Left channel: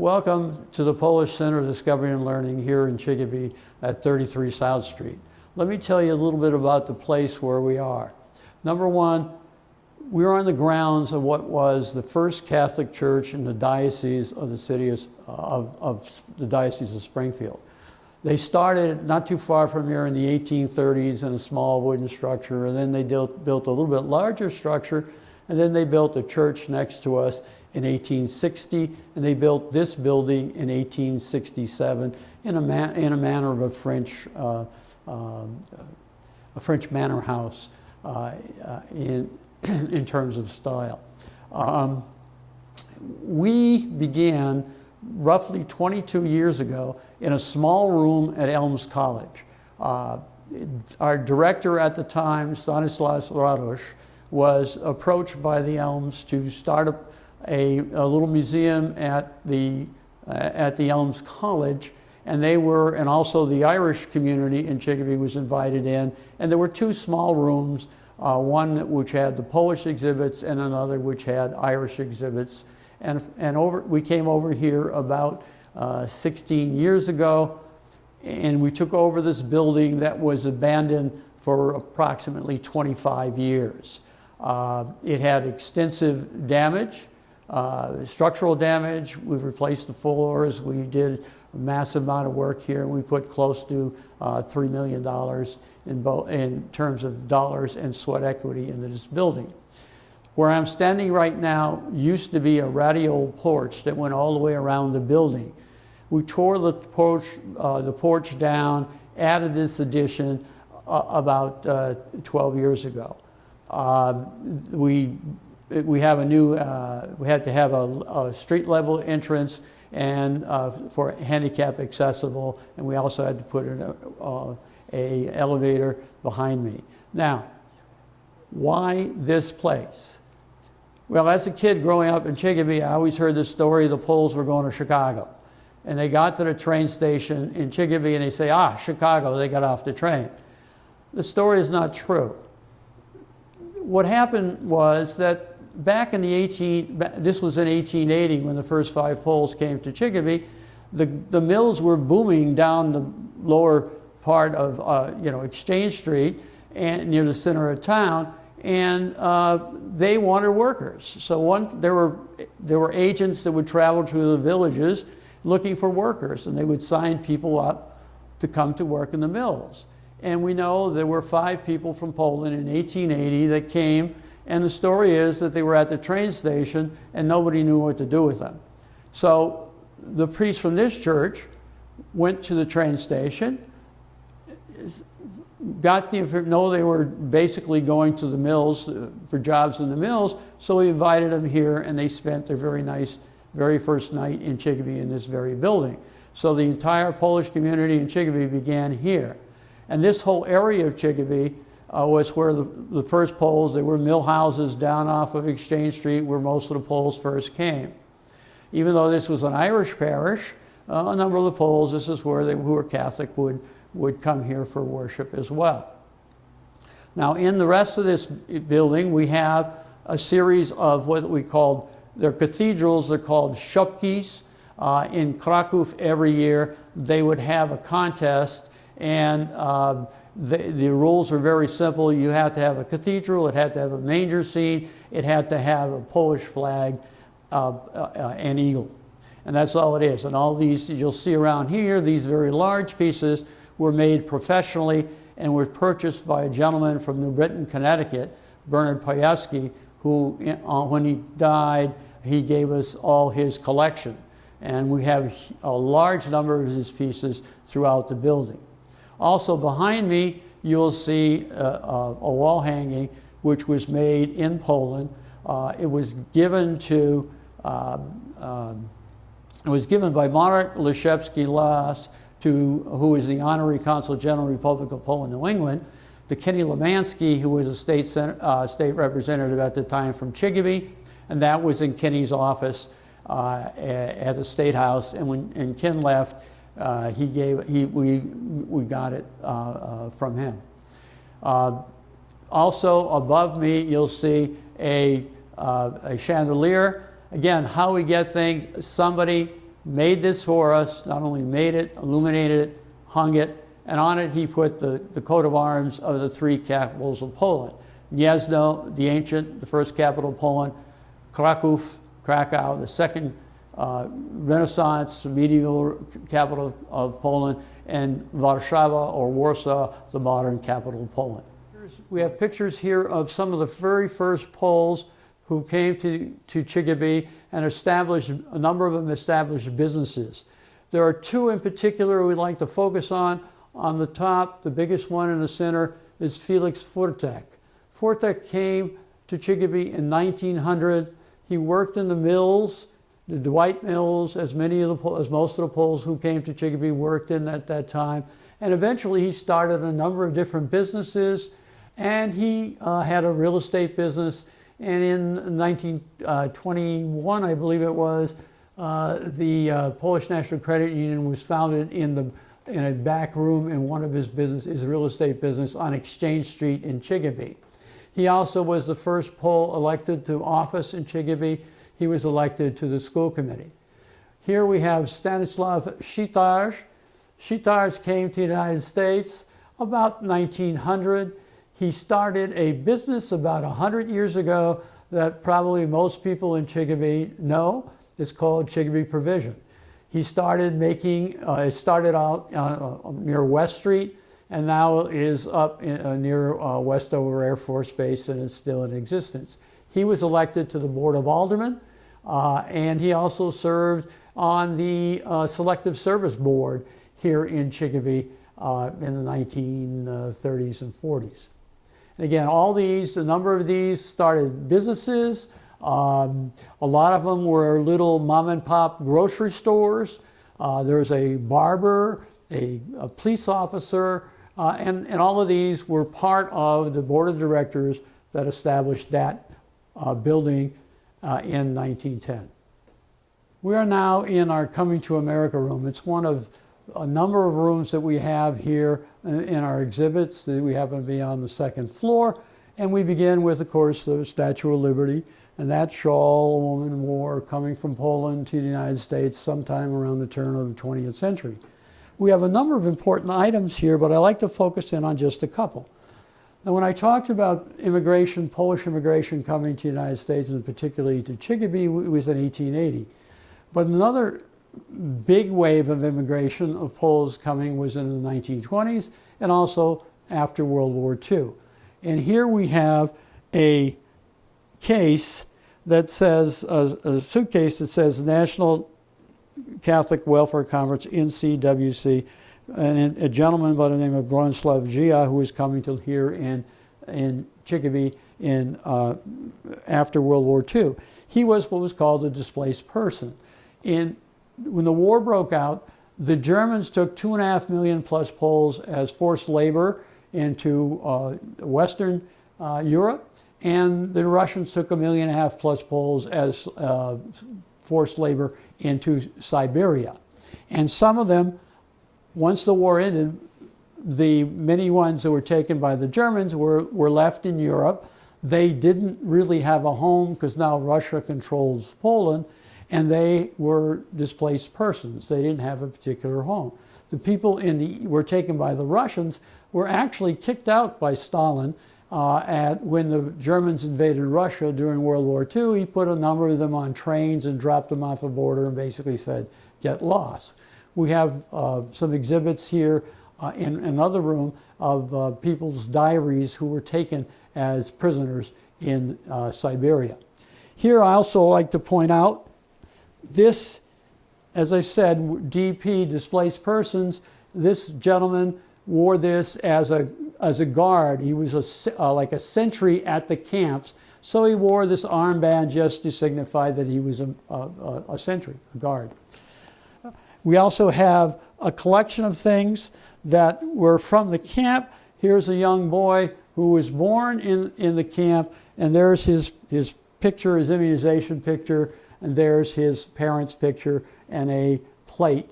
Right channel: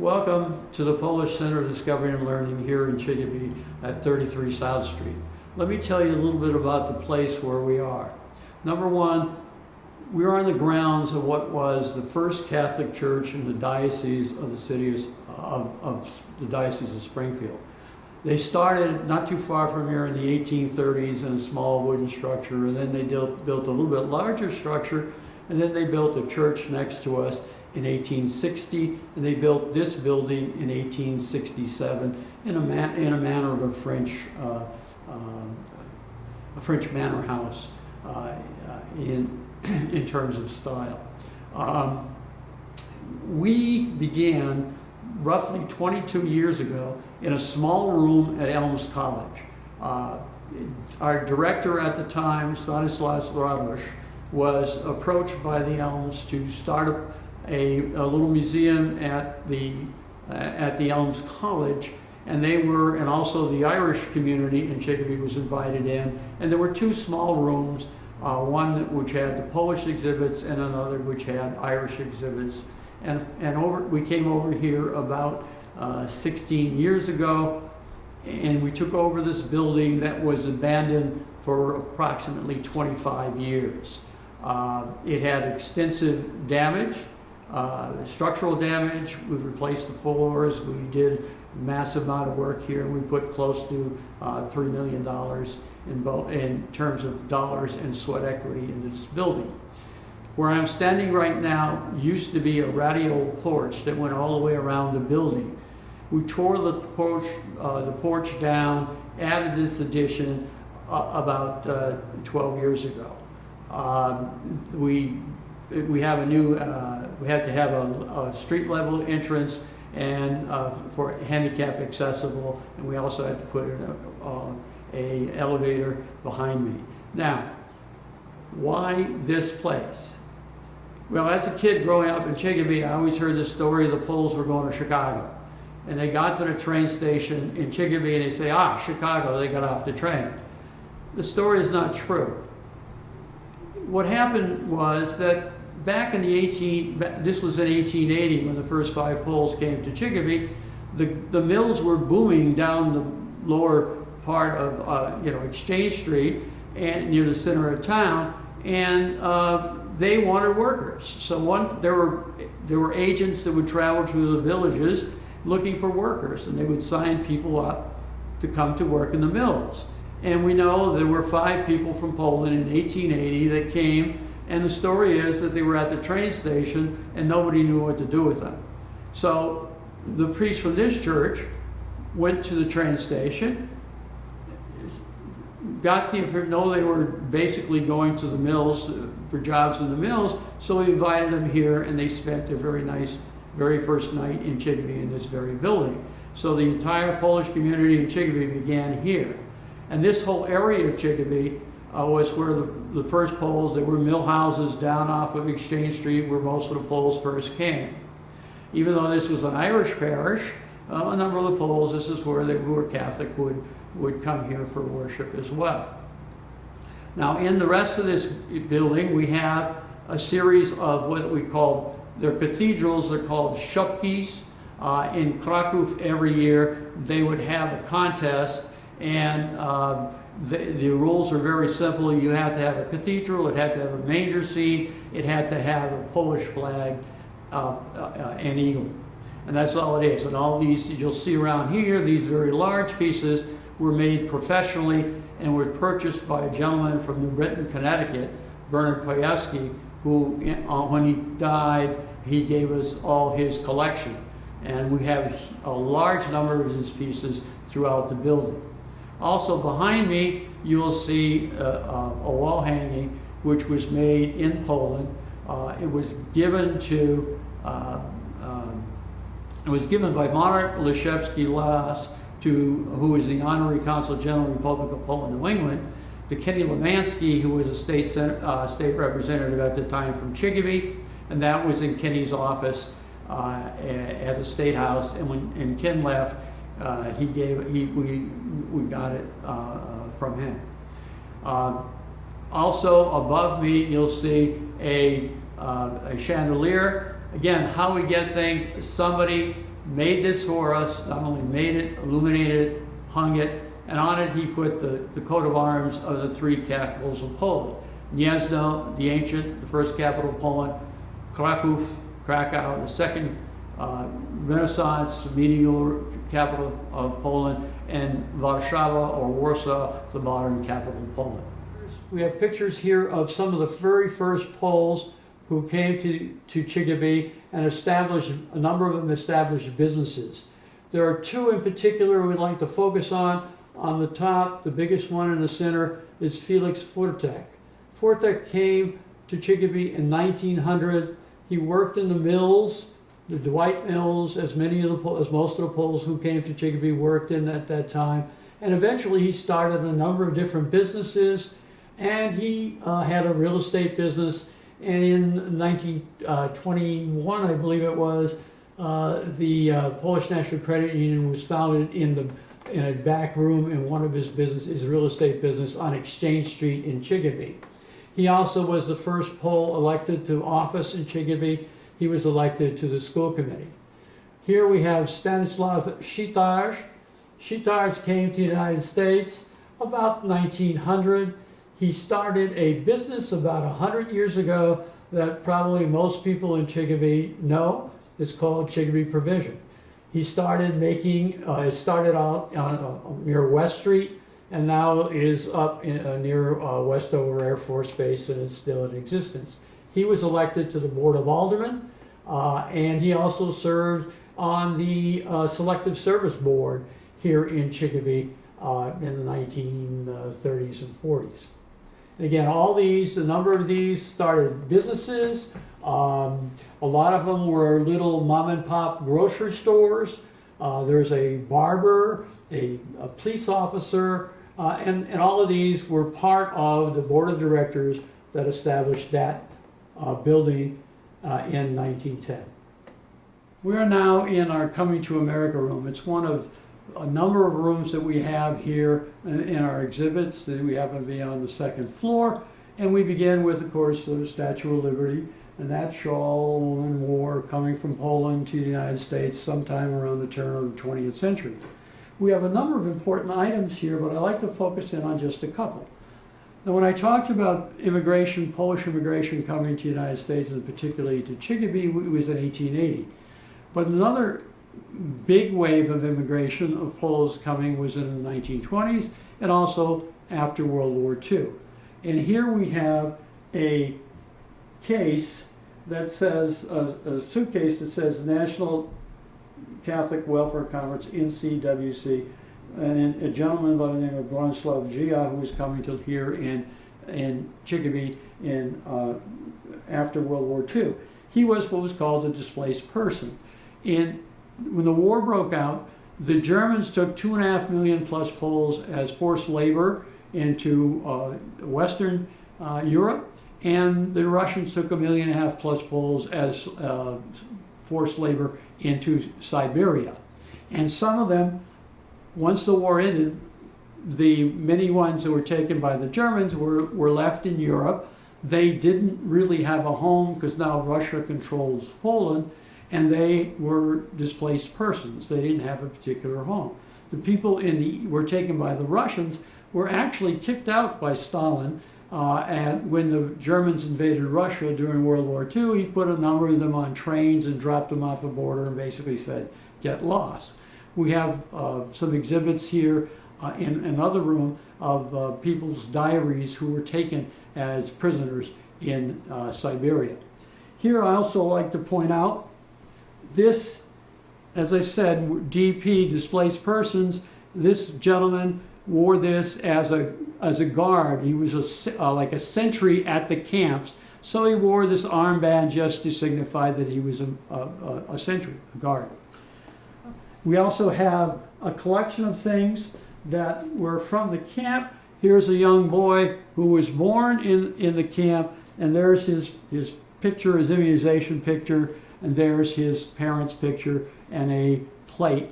Welcome to the Polish Center of Discovery and Learning here in Chicopee at 33 South Street. Let me tell you a little bit about the place where we are. Number one, we're on the grounds of what was the first Catholic church in the diocese of the city of the Diocese of Springfield. They started not too far from here in the 1830s in a small wooden structure, and then they built a little bit larger structure, and then they built a church next to us in 1860, and they built this building in 1867 in a manner of a French manor house in terms of style. We began roughly 22 years ago in a small room at Elms College. Our director at the time, Stanislav Shitash, was approached by the Elms to start a little museum at the Elms College, and and also the Irish community in Chicopee was invited in, and there were two small rooms, one which had the Polish exhibits and another which had Irish exhibits, and we came over here about 16 years ago, and we took over this building that was abandoned for approximately 25 years. It had extensive damage. Structural damage. We've replaced the floors. We did a massive amount of work here. We put close to $3 million in terms of dollars and sweat equity into this building. Where I'm standing right now used to be a radial porch that went all the way around the building. We tore the porch down, added this addition about 12 years ago. We have we had to have a street level entrance and for handicap accessible, and we also had to put in a elevator behind me. Now, why this place? Well, as a kid growing up in Chicopee, I always heard the story of the Poles were going to Chicago. And they got to the train station in Chicopee and they say, Chicago, they got off the train. The story is not true. What happened was that back in this was in 1880 when the first 5 Poles came to Chicopee, the mills were booming down the lower part of Exchange Street and near the center of town, and they wanted workers. So there were agents that would travel to the villages looking for workers, and they would sign people up to come to work in the mills. And we know there were 5 people from Poland in 1880 that came, and the story is that they were at the train station and nobody knew what to do with them. So the priest from this church went to the train station, know they were basically going to the mills for jobs in the mills, so he invited them here, and they spent their very first night in Chicopee in this very building. So the entire Polish community in Chicopee began here. And this whole area of Chicopee was where the first Poles, there were mill houses down off of Exchange Street where most of the Poles first came. Even though this was an Irish parish, a number of the Poles, this is where who were Catholic would come here for worship as well. Now in the rest of this building we have a series of what we call, they're cathedrals, they're called Shepkies. In Kraków every year they would have a contest, and the rules are very simple. You had to have a cathedral, it had to have a manger scene, it had to have a Polish flag, an eagle. And that's all it is. And all these you'll see around here, these very large pieces were made professionally and were purchased by a gentleman from New Britain, Connecticut, Bernard Pajewski, who when he died, he gave us all his collection. And we have a large number of these pieces throughout the building. Also behind me, you'll see a wall hanging which was made in Poland. It was given by Marek Leszewski-Las, who was the Honorary Consul General of the Republic of Poland, New England, to Kenny Lemansky, who was a state representative at the time from Chicopee, and that was in Kenny's office at the State House. And when Ken left, we got it from him. Also above me, you'll see a chandelier. Again, how we get things, somebody made this for us, not only made it, illuminated it, hung it, and on it he put the coat of arms of the three capitals of Poland. Gniezno, the ancient, the first capital of Poland, Kraków, Krakow, the second Renaissance, medieval capital of Poland, and Warszawa or Warsaw, the modern capital of Poland. We have pictures here of some of the very first Poles who came to Chicopee and established, a number of them established businesses. There are two in particular we'd like to focus on. On the top, the biggest one in the center, is Felix Fortek. Fortek came to Chicopee in 1900. He worked in the mills, the Dwight mills, as most of the Poles who came to Chicopee worked in at that time. And eventually he started a number of different businesses, and he had a real estate business. And in 1921, I believe it was, the Polish National Credit Union was founded in a back room in one of his real estate business on Exchange Street in Chicopee. He also was the first Pole elected to office in Chicopee. He was elected to the school committee. Here we have Stanislav Shitash. Shitash came to the United States about 1900. He started a business about 100 years ago that probably most people in Chicopee know. It's called Chicopee Provision. He started it started out near West Street, and now is up near Westover Air Force Base, and it's still in existence. He was elected to the Board of Aldermen, and he also served on the Selective Service Board here in Chicopee in the 1930s and 40s. And again, a number of these started businesses. A lot of them were little mom and pop grocery stores. There's a barber, a police officer, and all of these were part of the board of directors that established that building in 1910. We are now in our Coming to America room. It's one of a number of rooms that we have here in our exhibits. We happen to be on the second floor, and we begin with, of course, the Statue of Liberty. And that shawl wore coming from Poland to the United States sometime around the turn of the 20th century. We have a number of important items here, but I like to focus in on just a couple. And when I talked about immigration, Polish immigration coming to the United States, and particularly to Chicopee, it was in 1880. But another big wave of immigration of Poles coming was in the 1920s, and also after World War II. And here we have a case that says, a suitcase that says National Catholic Welfare Conference, NCWC, and a gentleman by the name of Bronislaw Gia, who was coming to here in Chicopee after World War II. He was what was called a displaced person. When the war broke out, the Germans took 2.5 million plus Poles as forced labor into Western Europe, and the Russians took 1.5 million plus Poles as forced labor into Siberia. And some of them, once the war ended, the many ones that were taken by the Germans were left in Europe. They didn't really have a home because now Russia controls Poland, and they were displaced persons. They didn't have a particular home. The people were taken by the Russians were actually kicked out by Stalin when the Germans invaded Russia during World War II. He put a number of them on trains and dropped them off a border and basically said, get lost. We have some exhibits here in another room of people's diaries who were taken as prisoners in Siberia. Here I also like to point out this, as I said, DP, displaced persons. This gentleman wore this as a guard. He was like a sentry at the camps, so he wore this armband just to signify that he was a sentry, a guard. We also have a collection of things that were from the camp. Here's a young boy who was born in the camp, and there's his picture, his immunization picture, and there's his parents' picture and a plate,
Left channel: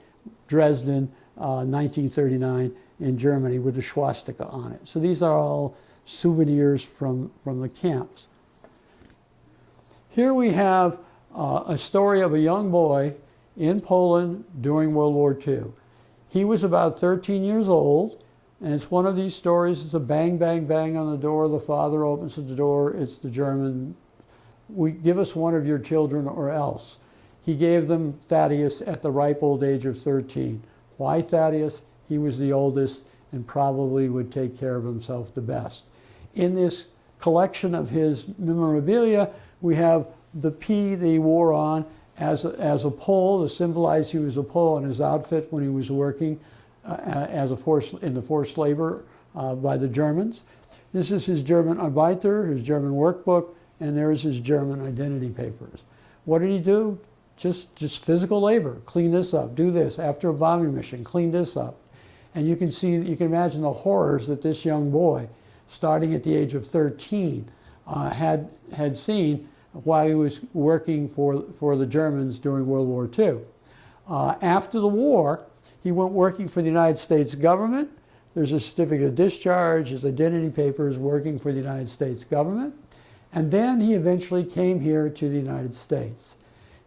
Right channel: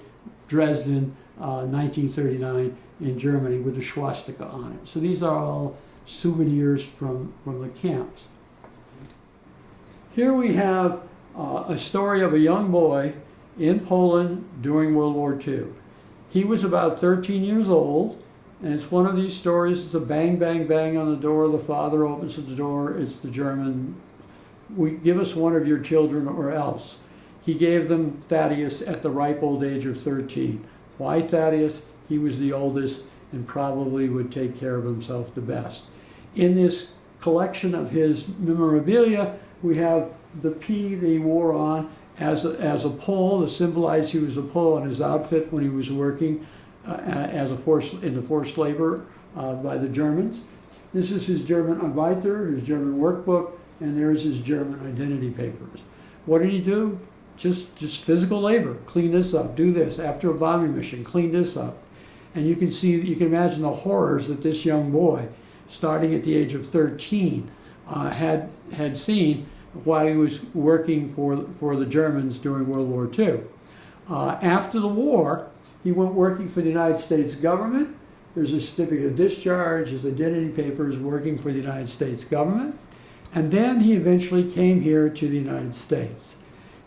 Dresden, 1939 in Germany with the swastika on it. So these are all souvenirs from the camps. Here we have a story of a young boy in Poland during World War II. He was about 13 years old, and it's one of these stories. It's a bang, bang, bang on the door. The father opens the door. It's the German. Give us one of your children or else. He gave them Thaddeus at the ripe old age of 13. Why Thaddeus? He was the oldest and probably would take care of himself the best. In this collection of his memorabilia, we have the P they wore on as a pole to symbolize he was a pole on his outfit when he was working as in the forced labor by the Germans. This is his German Arbeiter, his German workbook, and there's his German identity papers. What did he do? Just physical labor. Clean this up, do this. After a bombing mission, clean this up. And you can imagine the horrors that this young boy, starting at the age of 13, had seen while he was working for the Germans during World War II. After the war, he went working for the United States government. There's a certificate of discharge, his identity papers, working for the United States government. And then he eventually came here to the United States.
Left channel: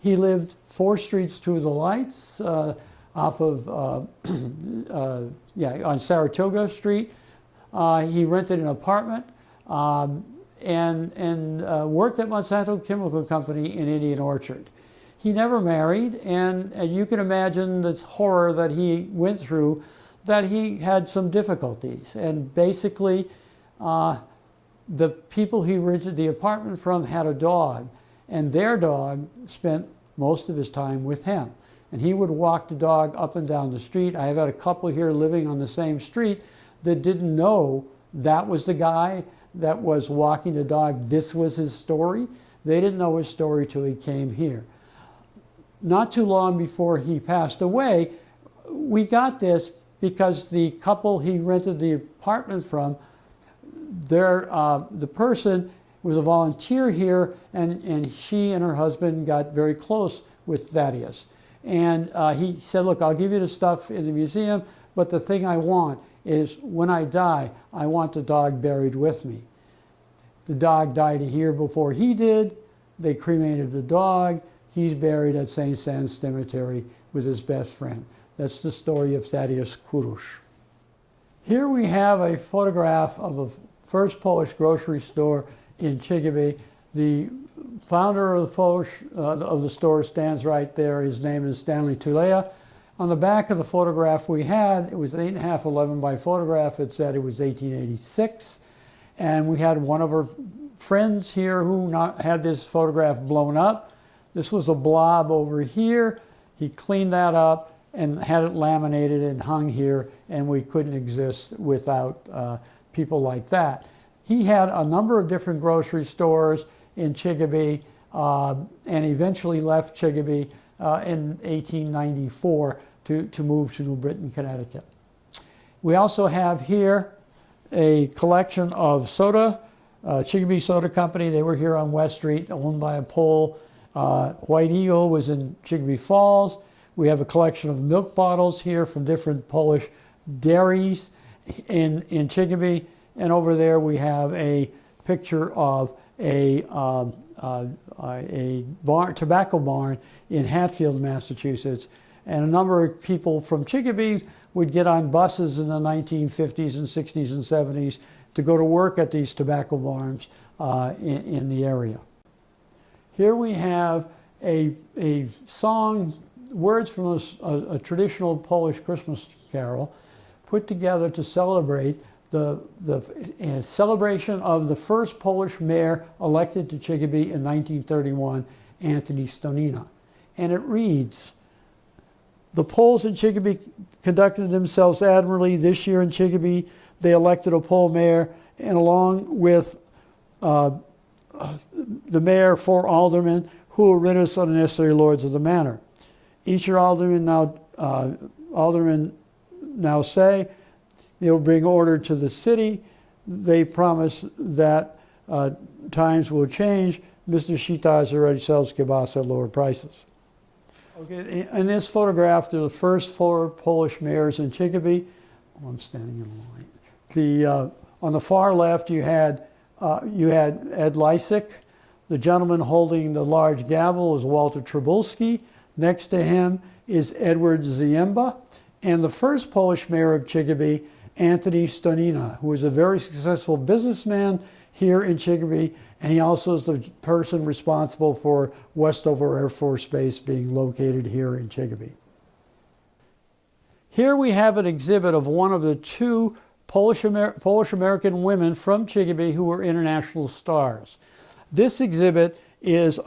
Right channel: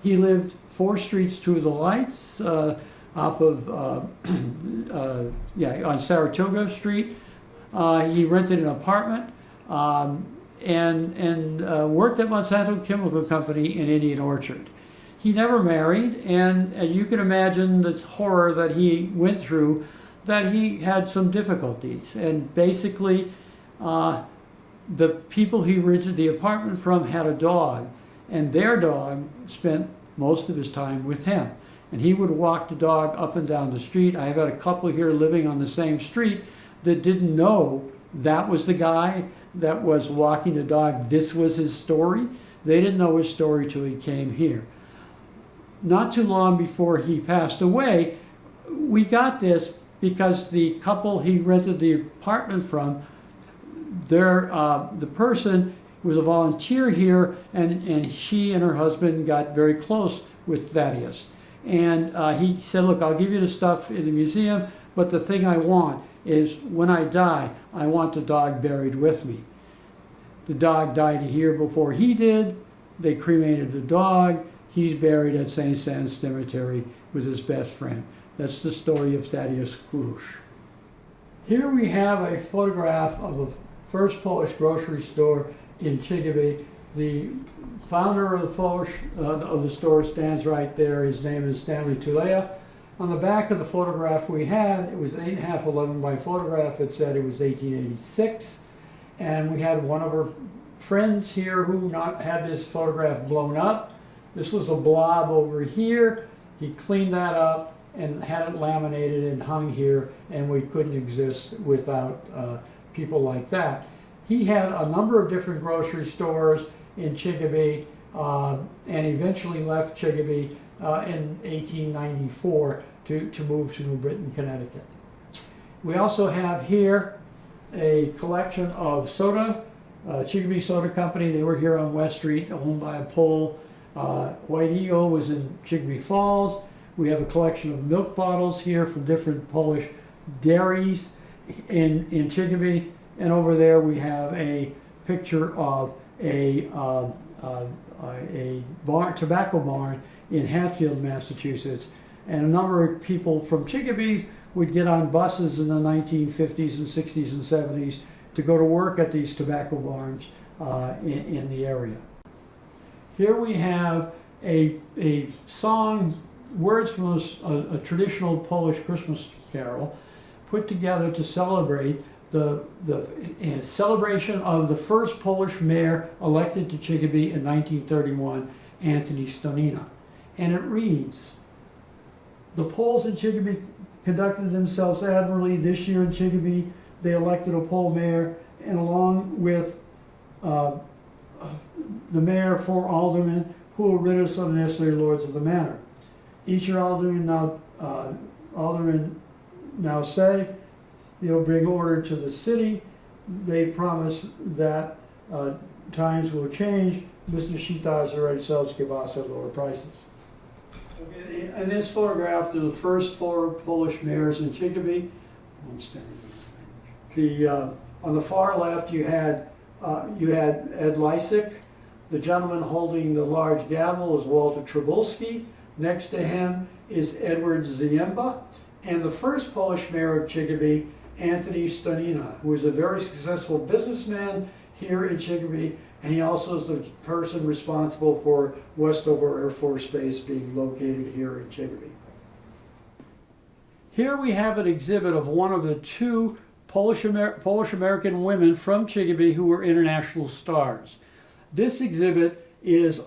He lived 4 streets to the lights off of, on Saratoga Street. He rented an apartment and worked at Monsanto Chemical Company in Indian Orchard. He never married, and as you can imagine, the horror that he went through, that he had some difficulties. And basically, the people he rented the apartment from had a dog, and their dog spent most of his time with him. And he would walk the dog up and down the street. I've had a couple here living on the same street that didn't know that was the guy that was walking the dog. This was his story. They didn't know his story till he came here. Not too long before he passed away, we got this because the couple he rented the apartment from, the person was a volunteer here, and she and her husband got very close with Thaddeus. And he said, look, I'll give you the stuff in the museum, but the thing I want is when I die, I want the dog buried with me. The dog died a year before he did. They cremated the dog. He's buried at St. San's Cemetery with his best friend. That's the story of Thaddeus Kurusz. Here we have a photograph of a first Polish grocery store in Chicopee. The founder of the store stands right there. His name is Stanley Tulea. On the back of the photograph we had, it was an 8.5 11 by photograph. It said it was 1886. And we had one of our friends here who had this photograph blown up. This was a blob over here. He cleaned that up and had it laminated and hung here, and we couldn't exist without people like that. He had a number of different grocery stores in Chicopee and eventually left Chicopee in 1894 to move to New Britain, Connecticut. We also have here a collection of soda, Chicopee Soda Company. They were here on West Street, owned by a Pole. White Eagle was in Chicopee Falls. We have a collection of milk bottles here from different Polish dairies in Chicopee. And over there we have a picture of a tobacco barn in Hatfield, Massachusetts. And a number of people from Chicopee would get on buses in the 1950s and 60s and 70s to go to work at these tobacco barns in the area. Here we have a song, words from a traditional Polish Christmas carol put together to celebrate the celebration of the first Polish mayor elected to Chicopee in 1931, Anthony Stanina. And it reads, "The Poles in Chicopee conducted themselves admirably this year in Chicopee. They elected a Pole mayor, and along with the mayor, 4 aldermen who will rid us of the necessary lords of the manor. Each alderman now say they will bring order to the city. They promise that times will change. Mr. Shitash already sells kielbasa at lower prices." Okay, in this photograph, there are the first 4 Polish mayors in Chicopee. I'm standing on the far left, you had Ed Lysick. The gentleman holding the large gavel was Walter Trabulski. Next to him is Edward Ziemba, and the first Polish mayor of Chicopee, Antoni Stonina, who was a very successful businessman here in Chicopee, and he also is the person responsible for Westover Air Force Base being located here in Chicopee. Here we have an exhibit of one of the two Polish-American women from Chicopee who were international stars. This exhibit is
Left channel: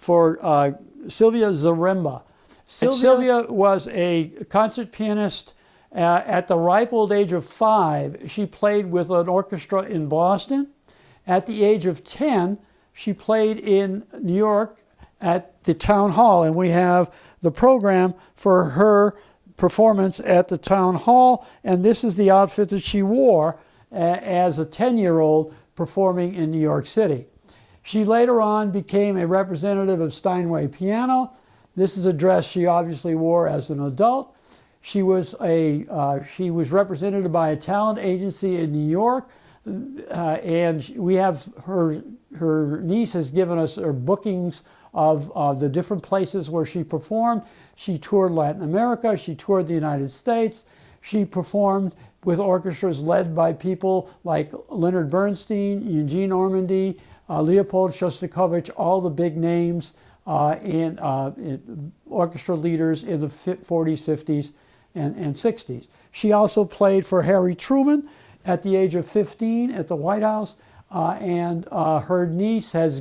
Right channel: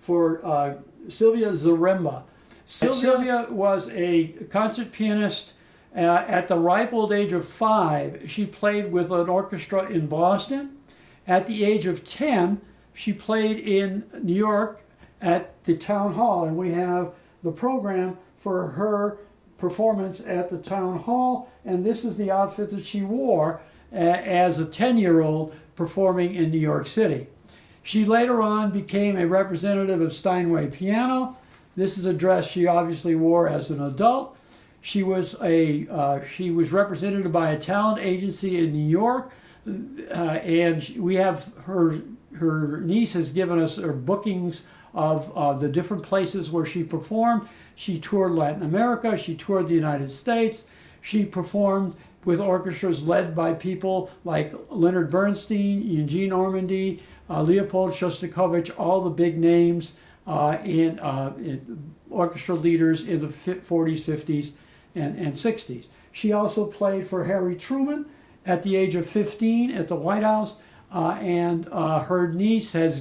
for Sylvia Zaremba. Sylvia was a concert pianist at the ripe old age of 5. She played with an orchestra in Boston. At the age of 10, she played in New York at the town hall, and we have the program for her performance at the town hall, and this is the outfit that she wore as a 10-year-old performing in New York City. She later on became a representative of Steinway Piano. This is a dress she obviously wore as an adult. She was represented by a talent agency in New York, and we have her niece has given us her bookings of the different places where she performed. She toured Latin America, she toured the United States, she performed with orchestras led by people like Leonard Bernstein, Eugene Ormandy, Leopold Shostakovich, all the big names and orchestra leaders in the 40s, 50s, and 60s. She also played for Harry Truman at the age of 15 at the White House, and her niece has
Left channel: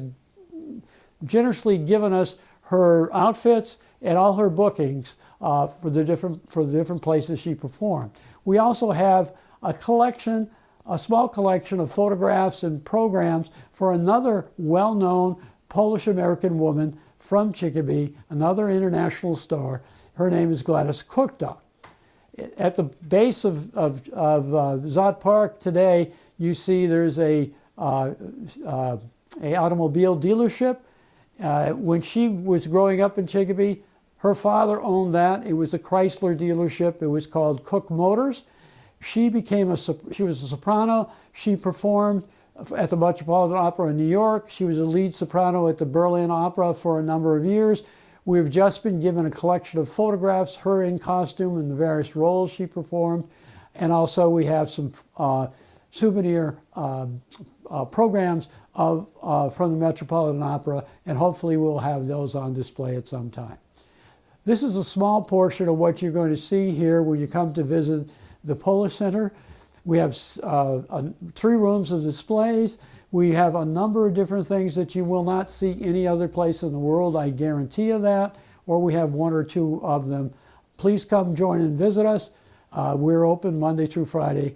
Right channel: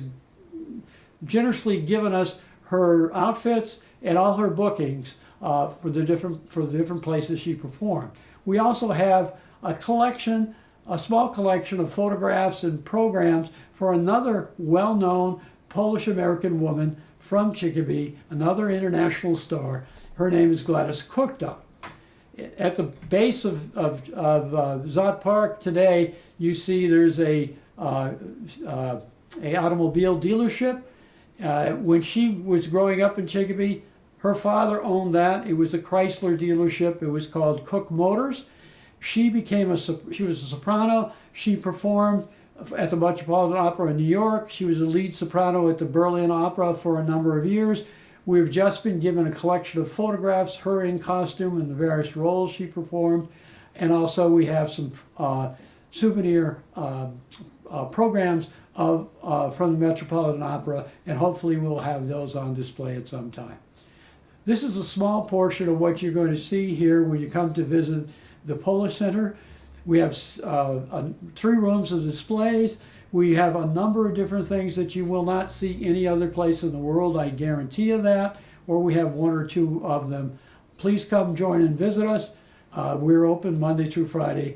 generously given us her outfits and all her bookings for the different places she performed. We also have a small collection of photographs and programs for another well-known Polish-American woman from Chicopee, another international star. Her name is Gladys Cooktop. At the base of Zott Park today, you see there's a automobile dealership. When she was growing up in Chicopee, her father owned that. It was a Chrysler dealership. It was called Cook Motors. She was a soprano. She performed at the Metropolitan Opera in New York. She was a lead soprano at the Berlin Opera for a number of years. We've just been given a collection of photographs, her in costume and the various roles she performed. And also we have some souvenir programs from the Metropolitan Opera, and hopefully we'll have those on display at some time. This is a small portion of what you're going to see here when you come to visit the Polish Center. We have 3 rooms of displays. We have a number of different things that you will not see any other place in the world, I guarantee you that, or we have 1 or 2 of them. Please come join and visit us. We're open Monday through Friday,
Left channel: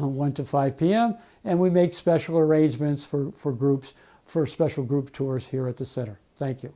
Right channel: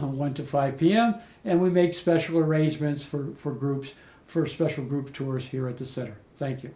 1 to 5 p.m., and we make special arrangements for groups, for special group tours here at the center. Thank you.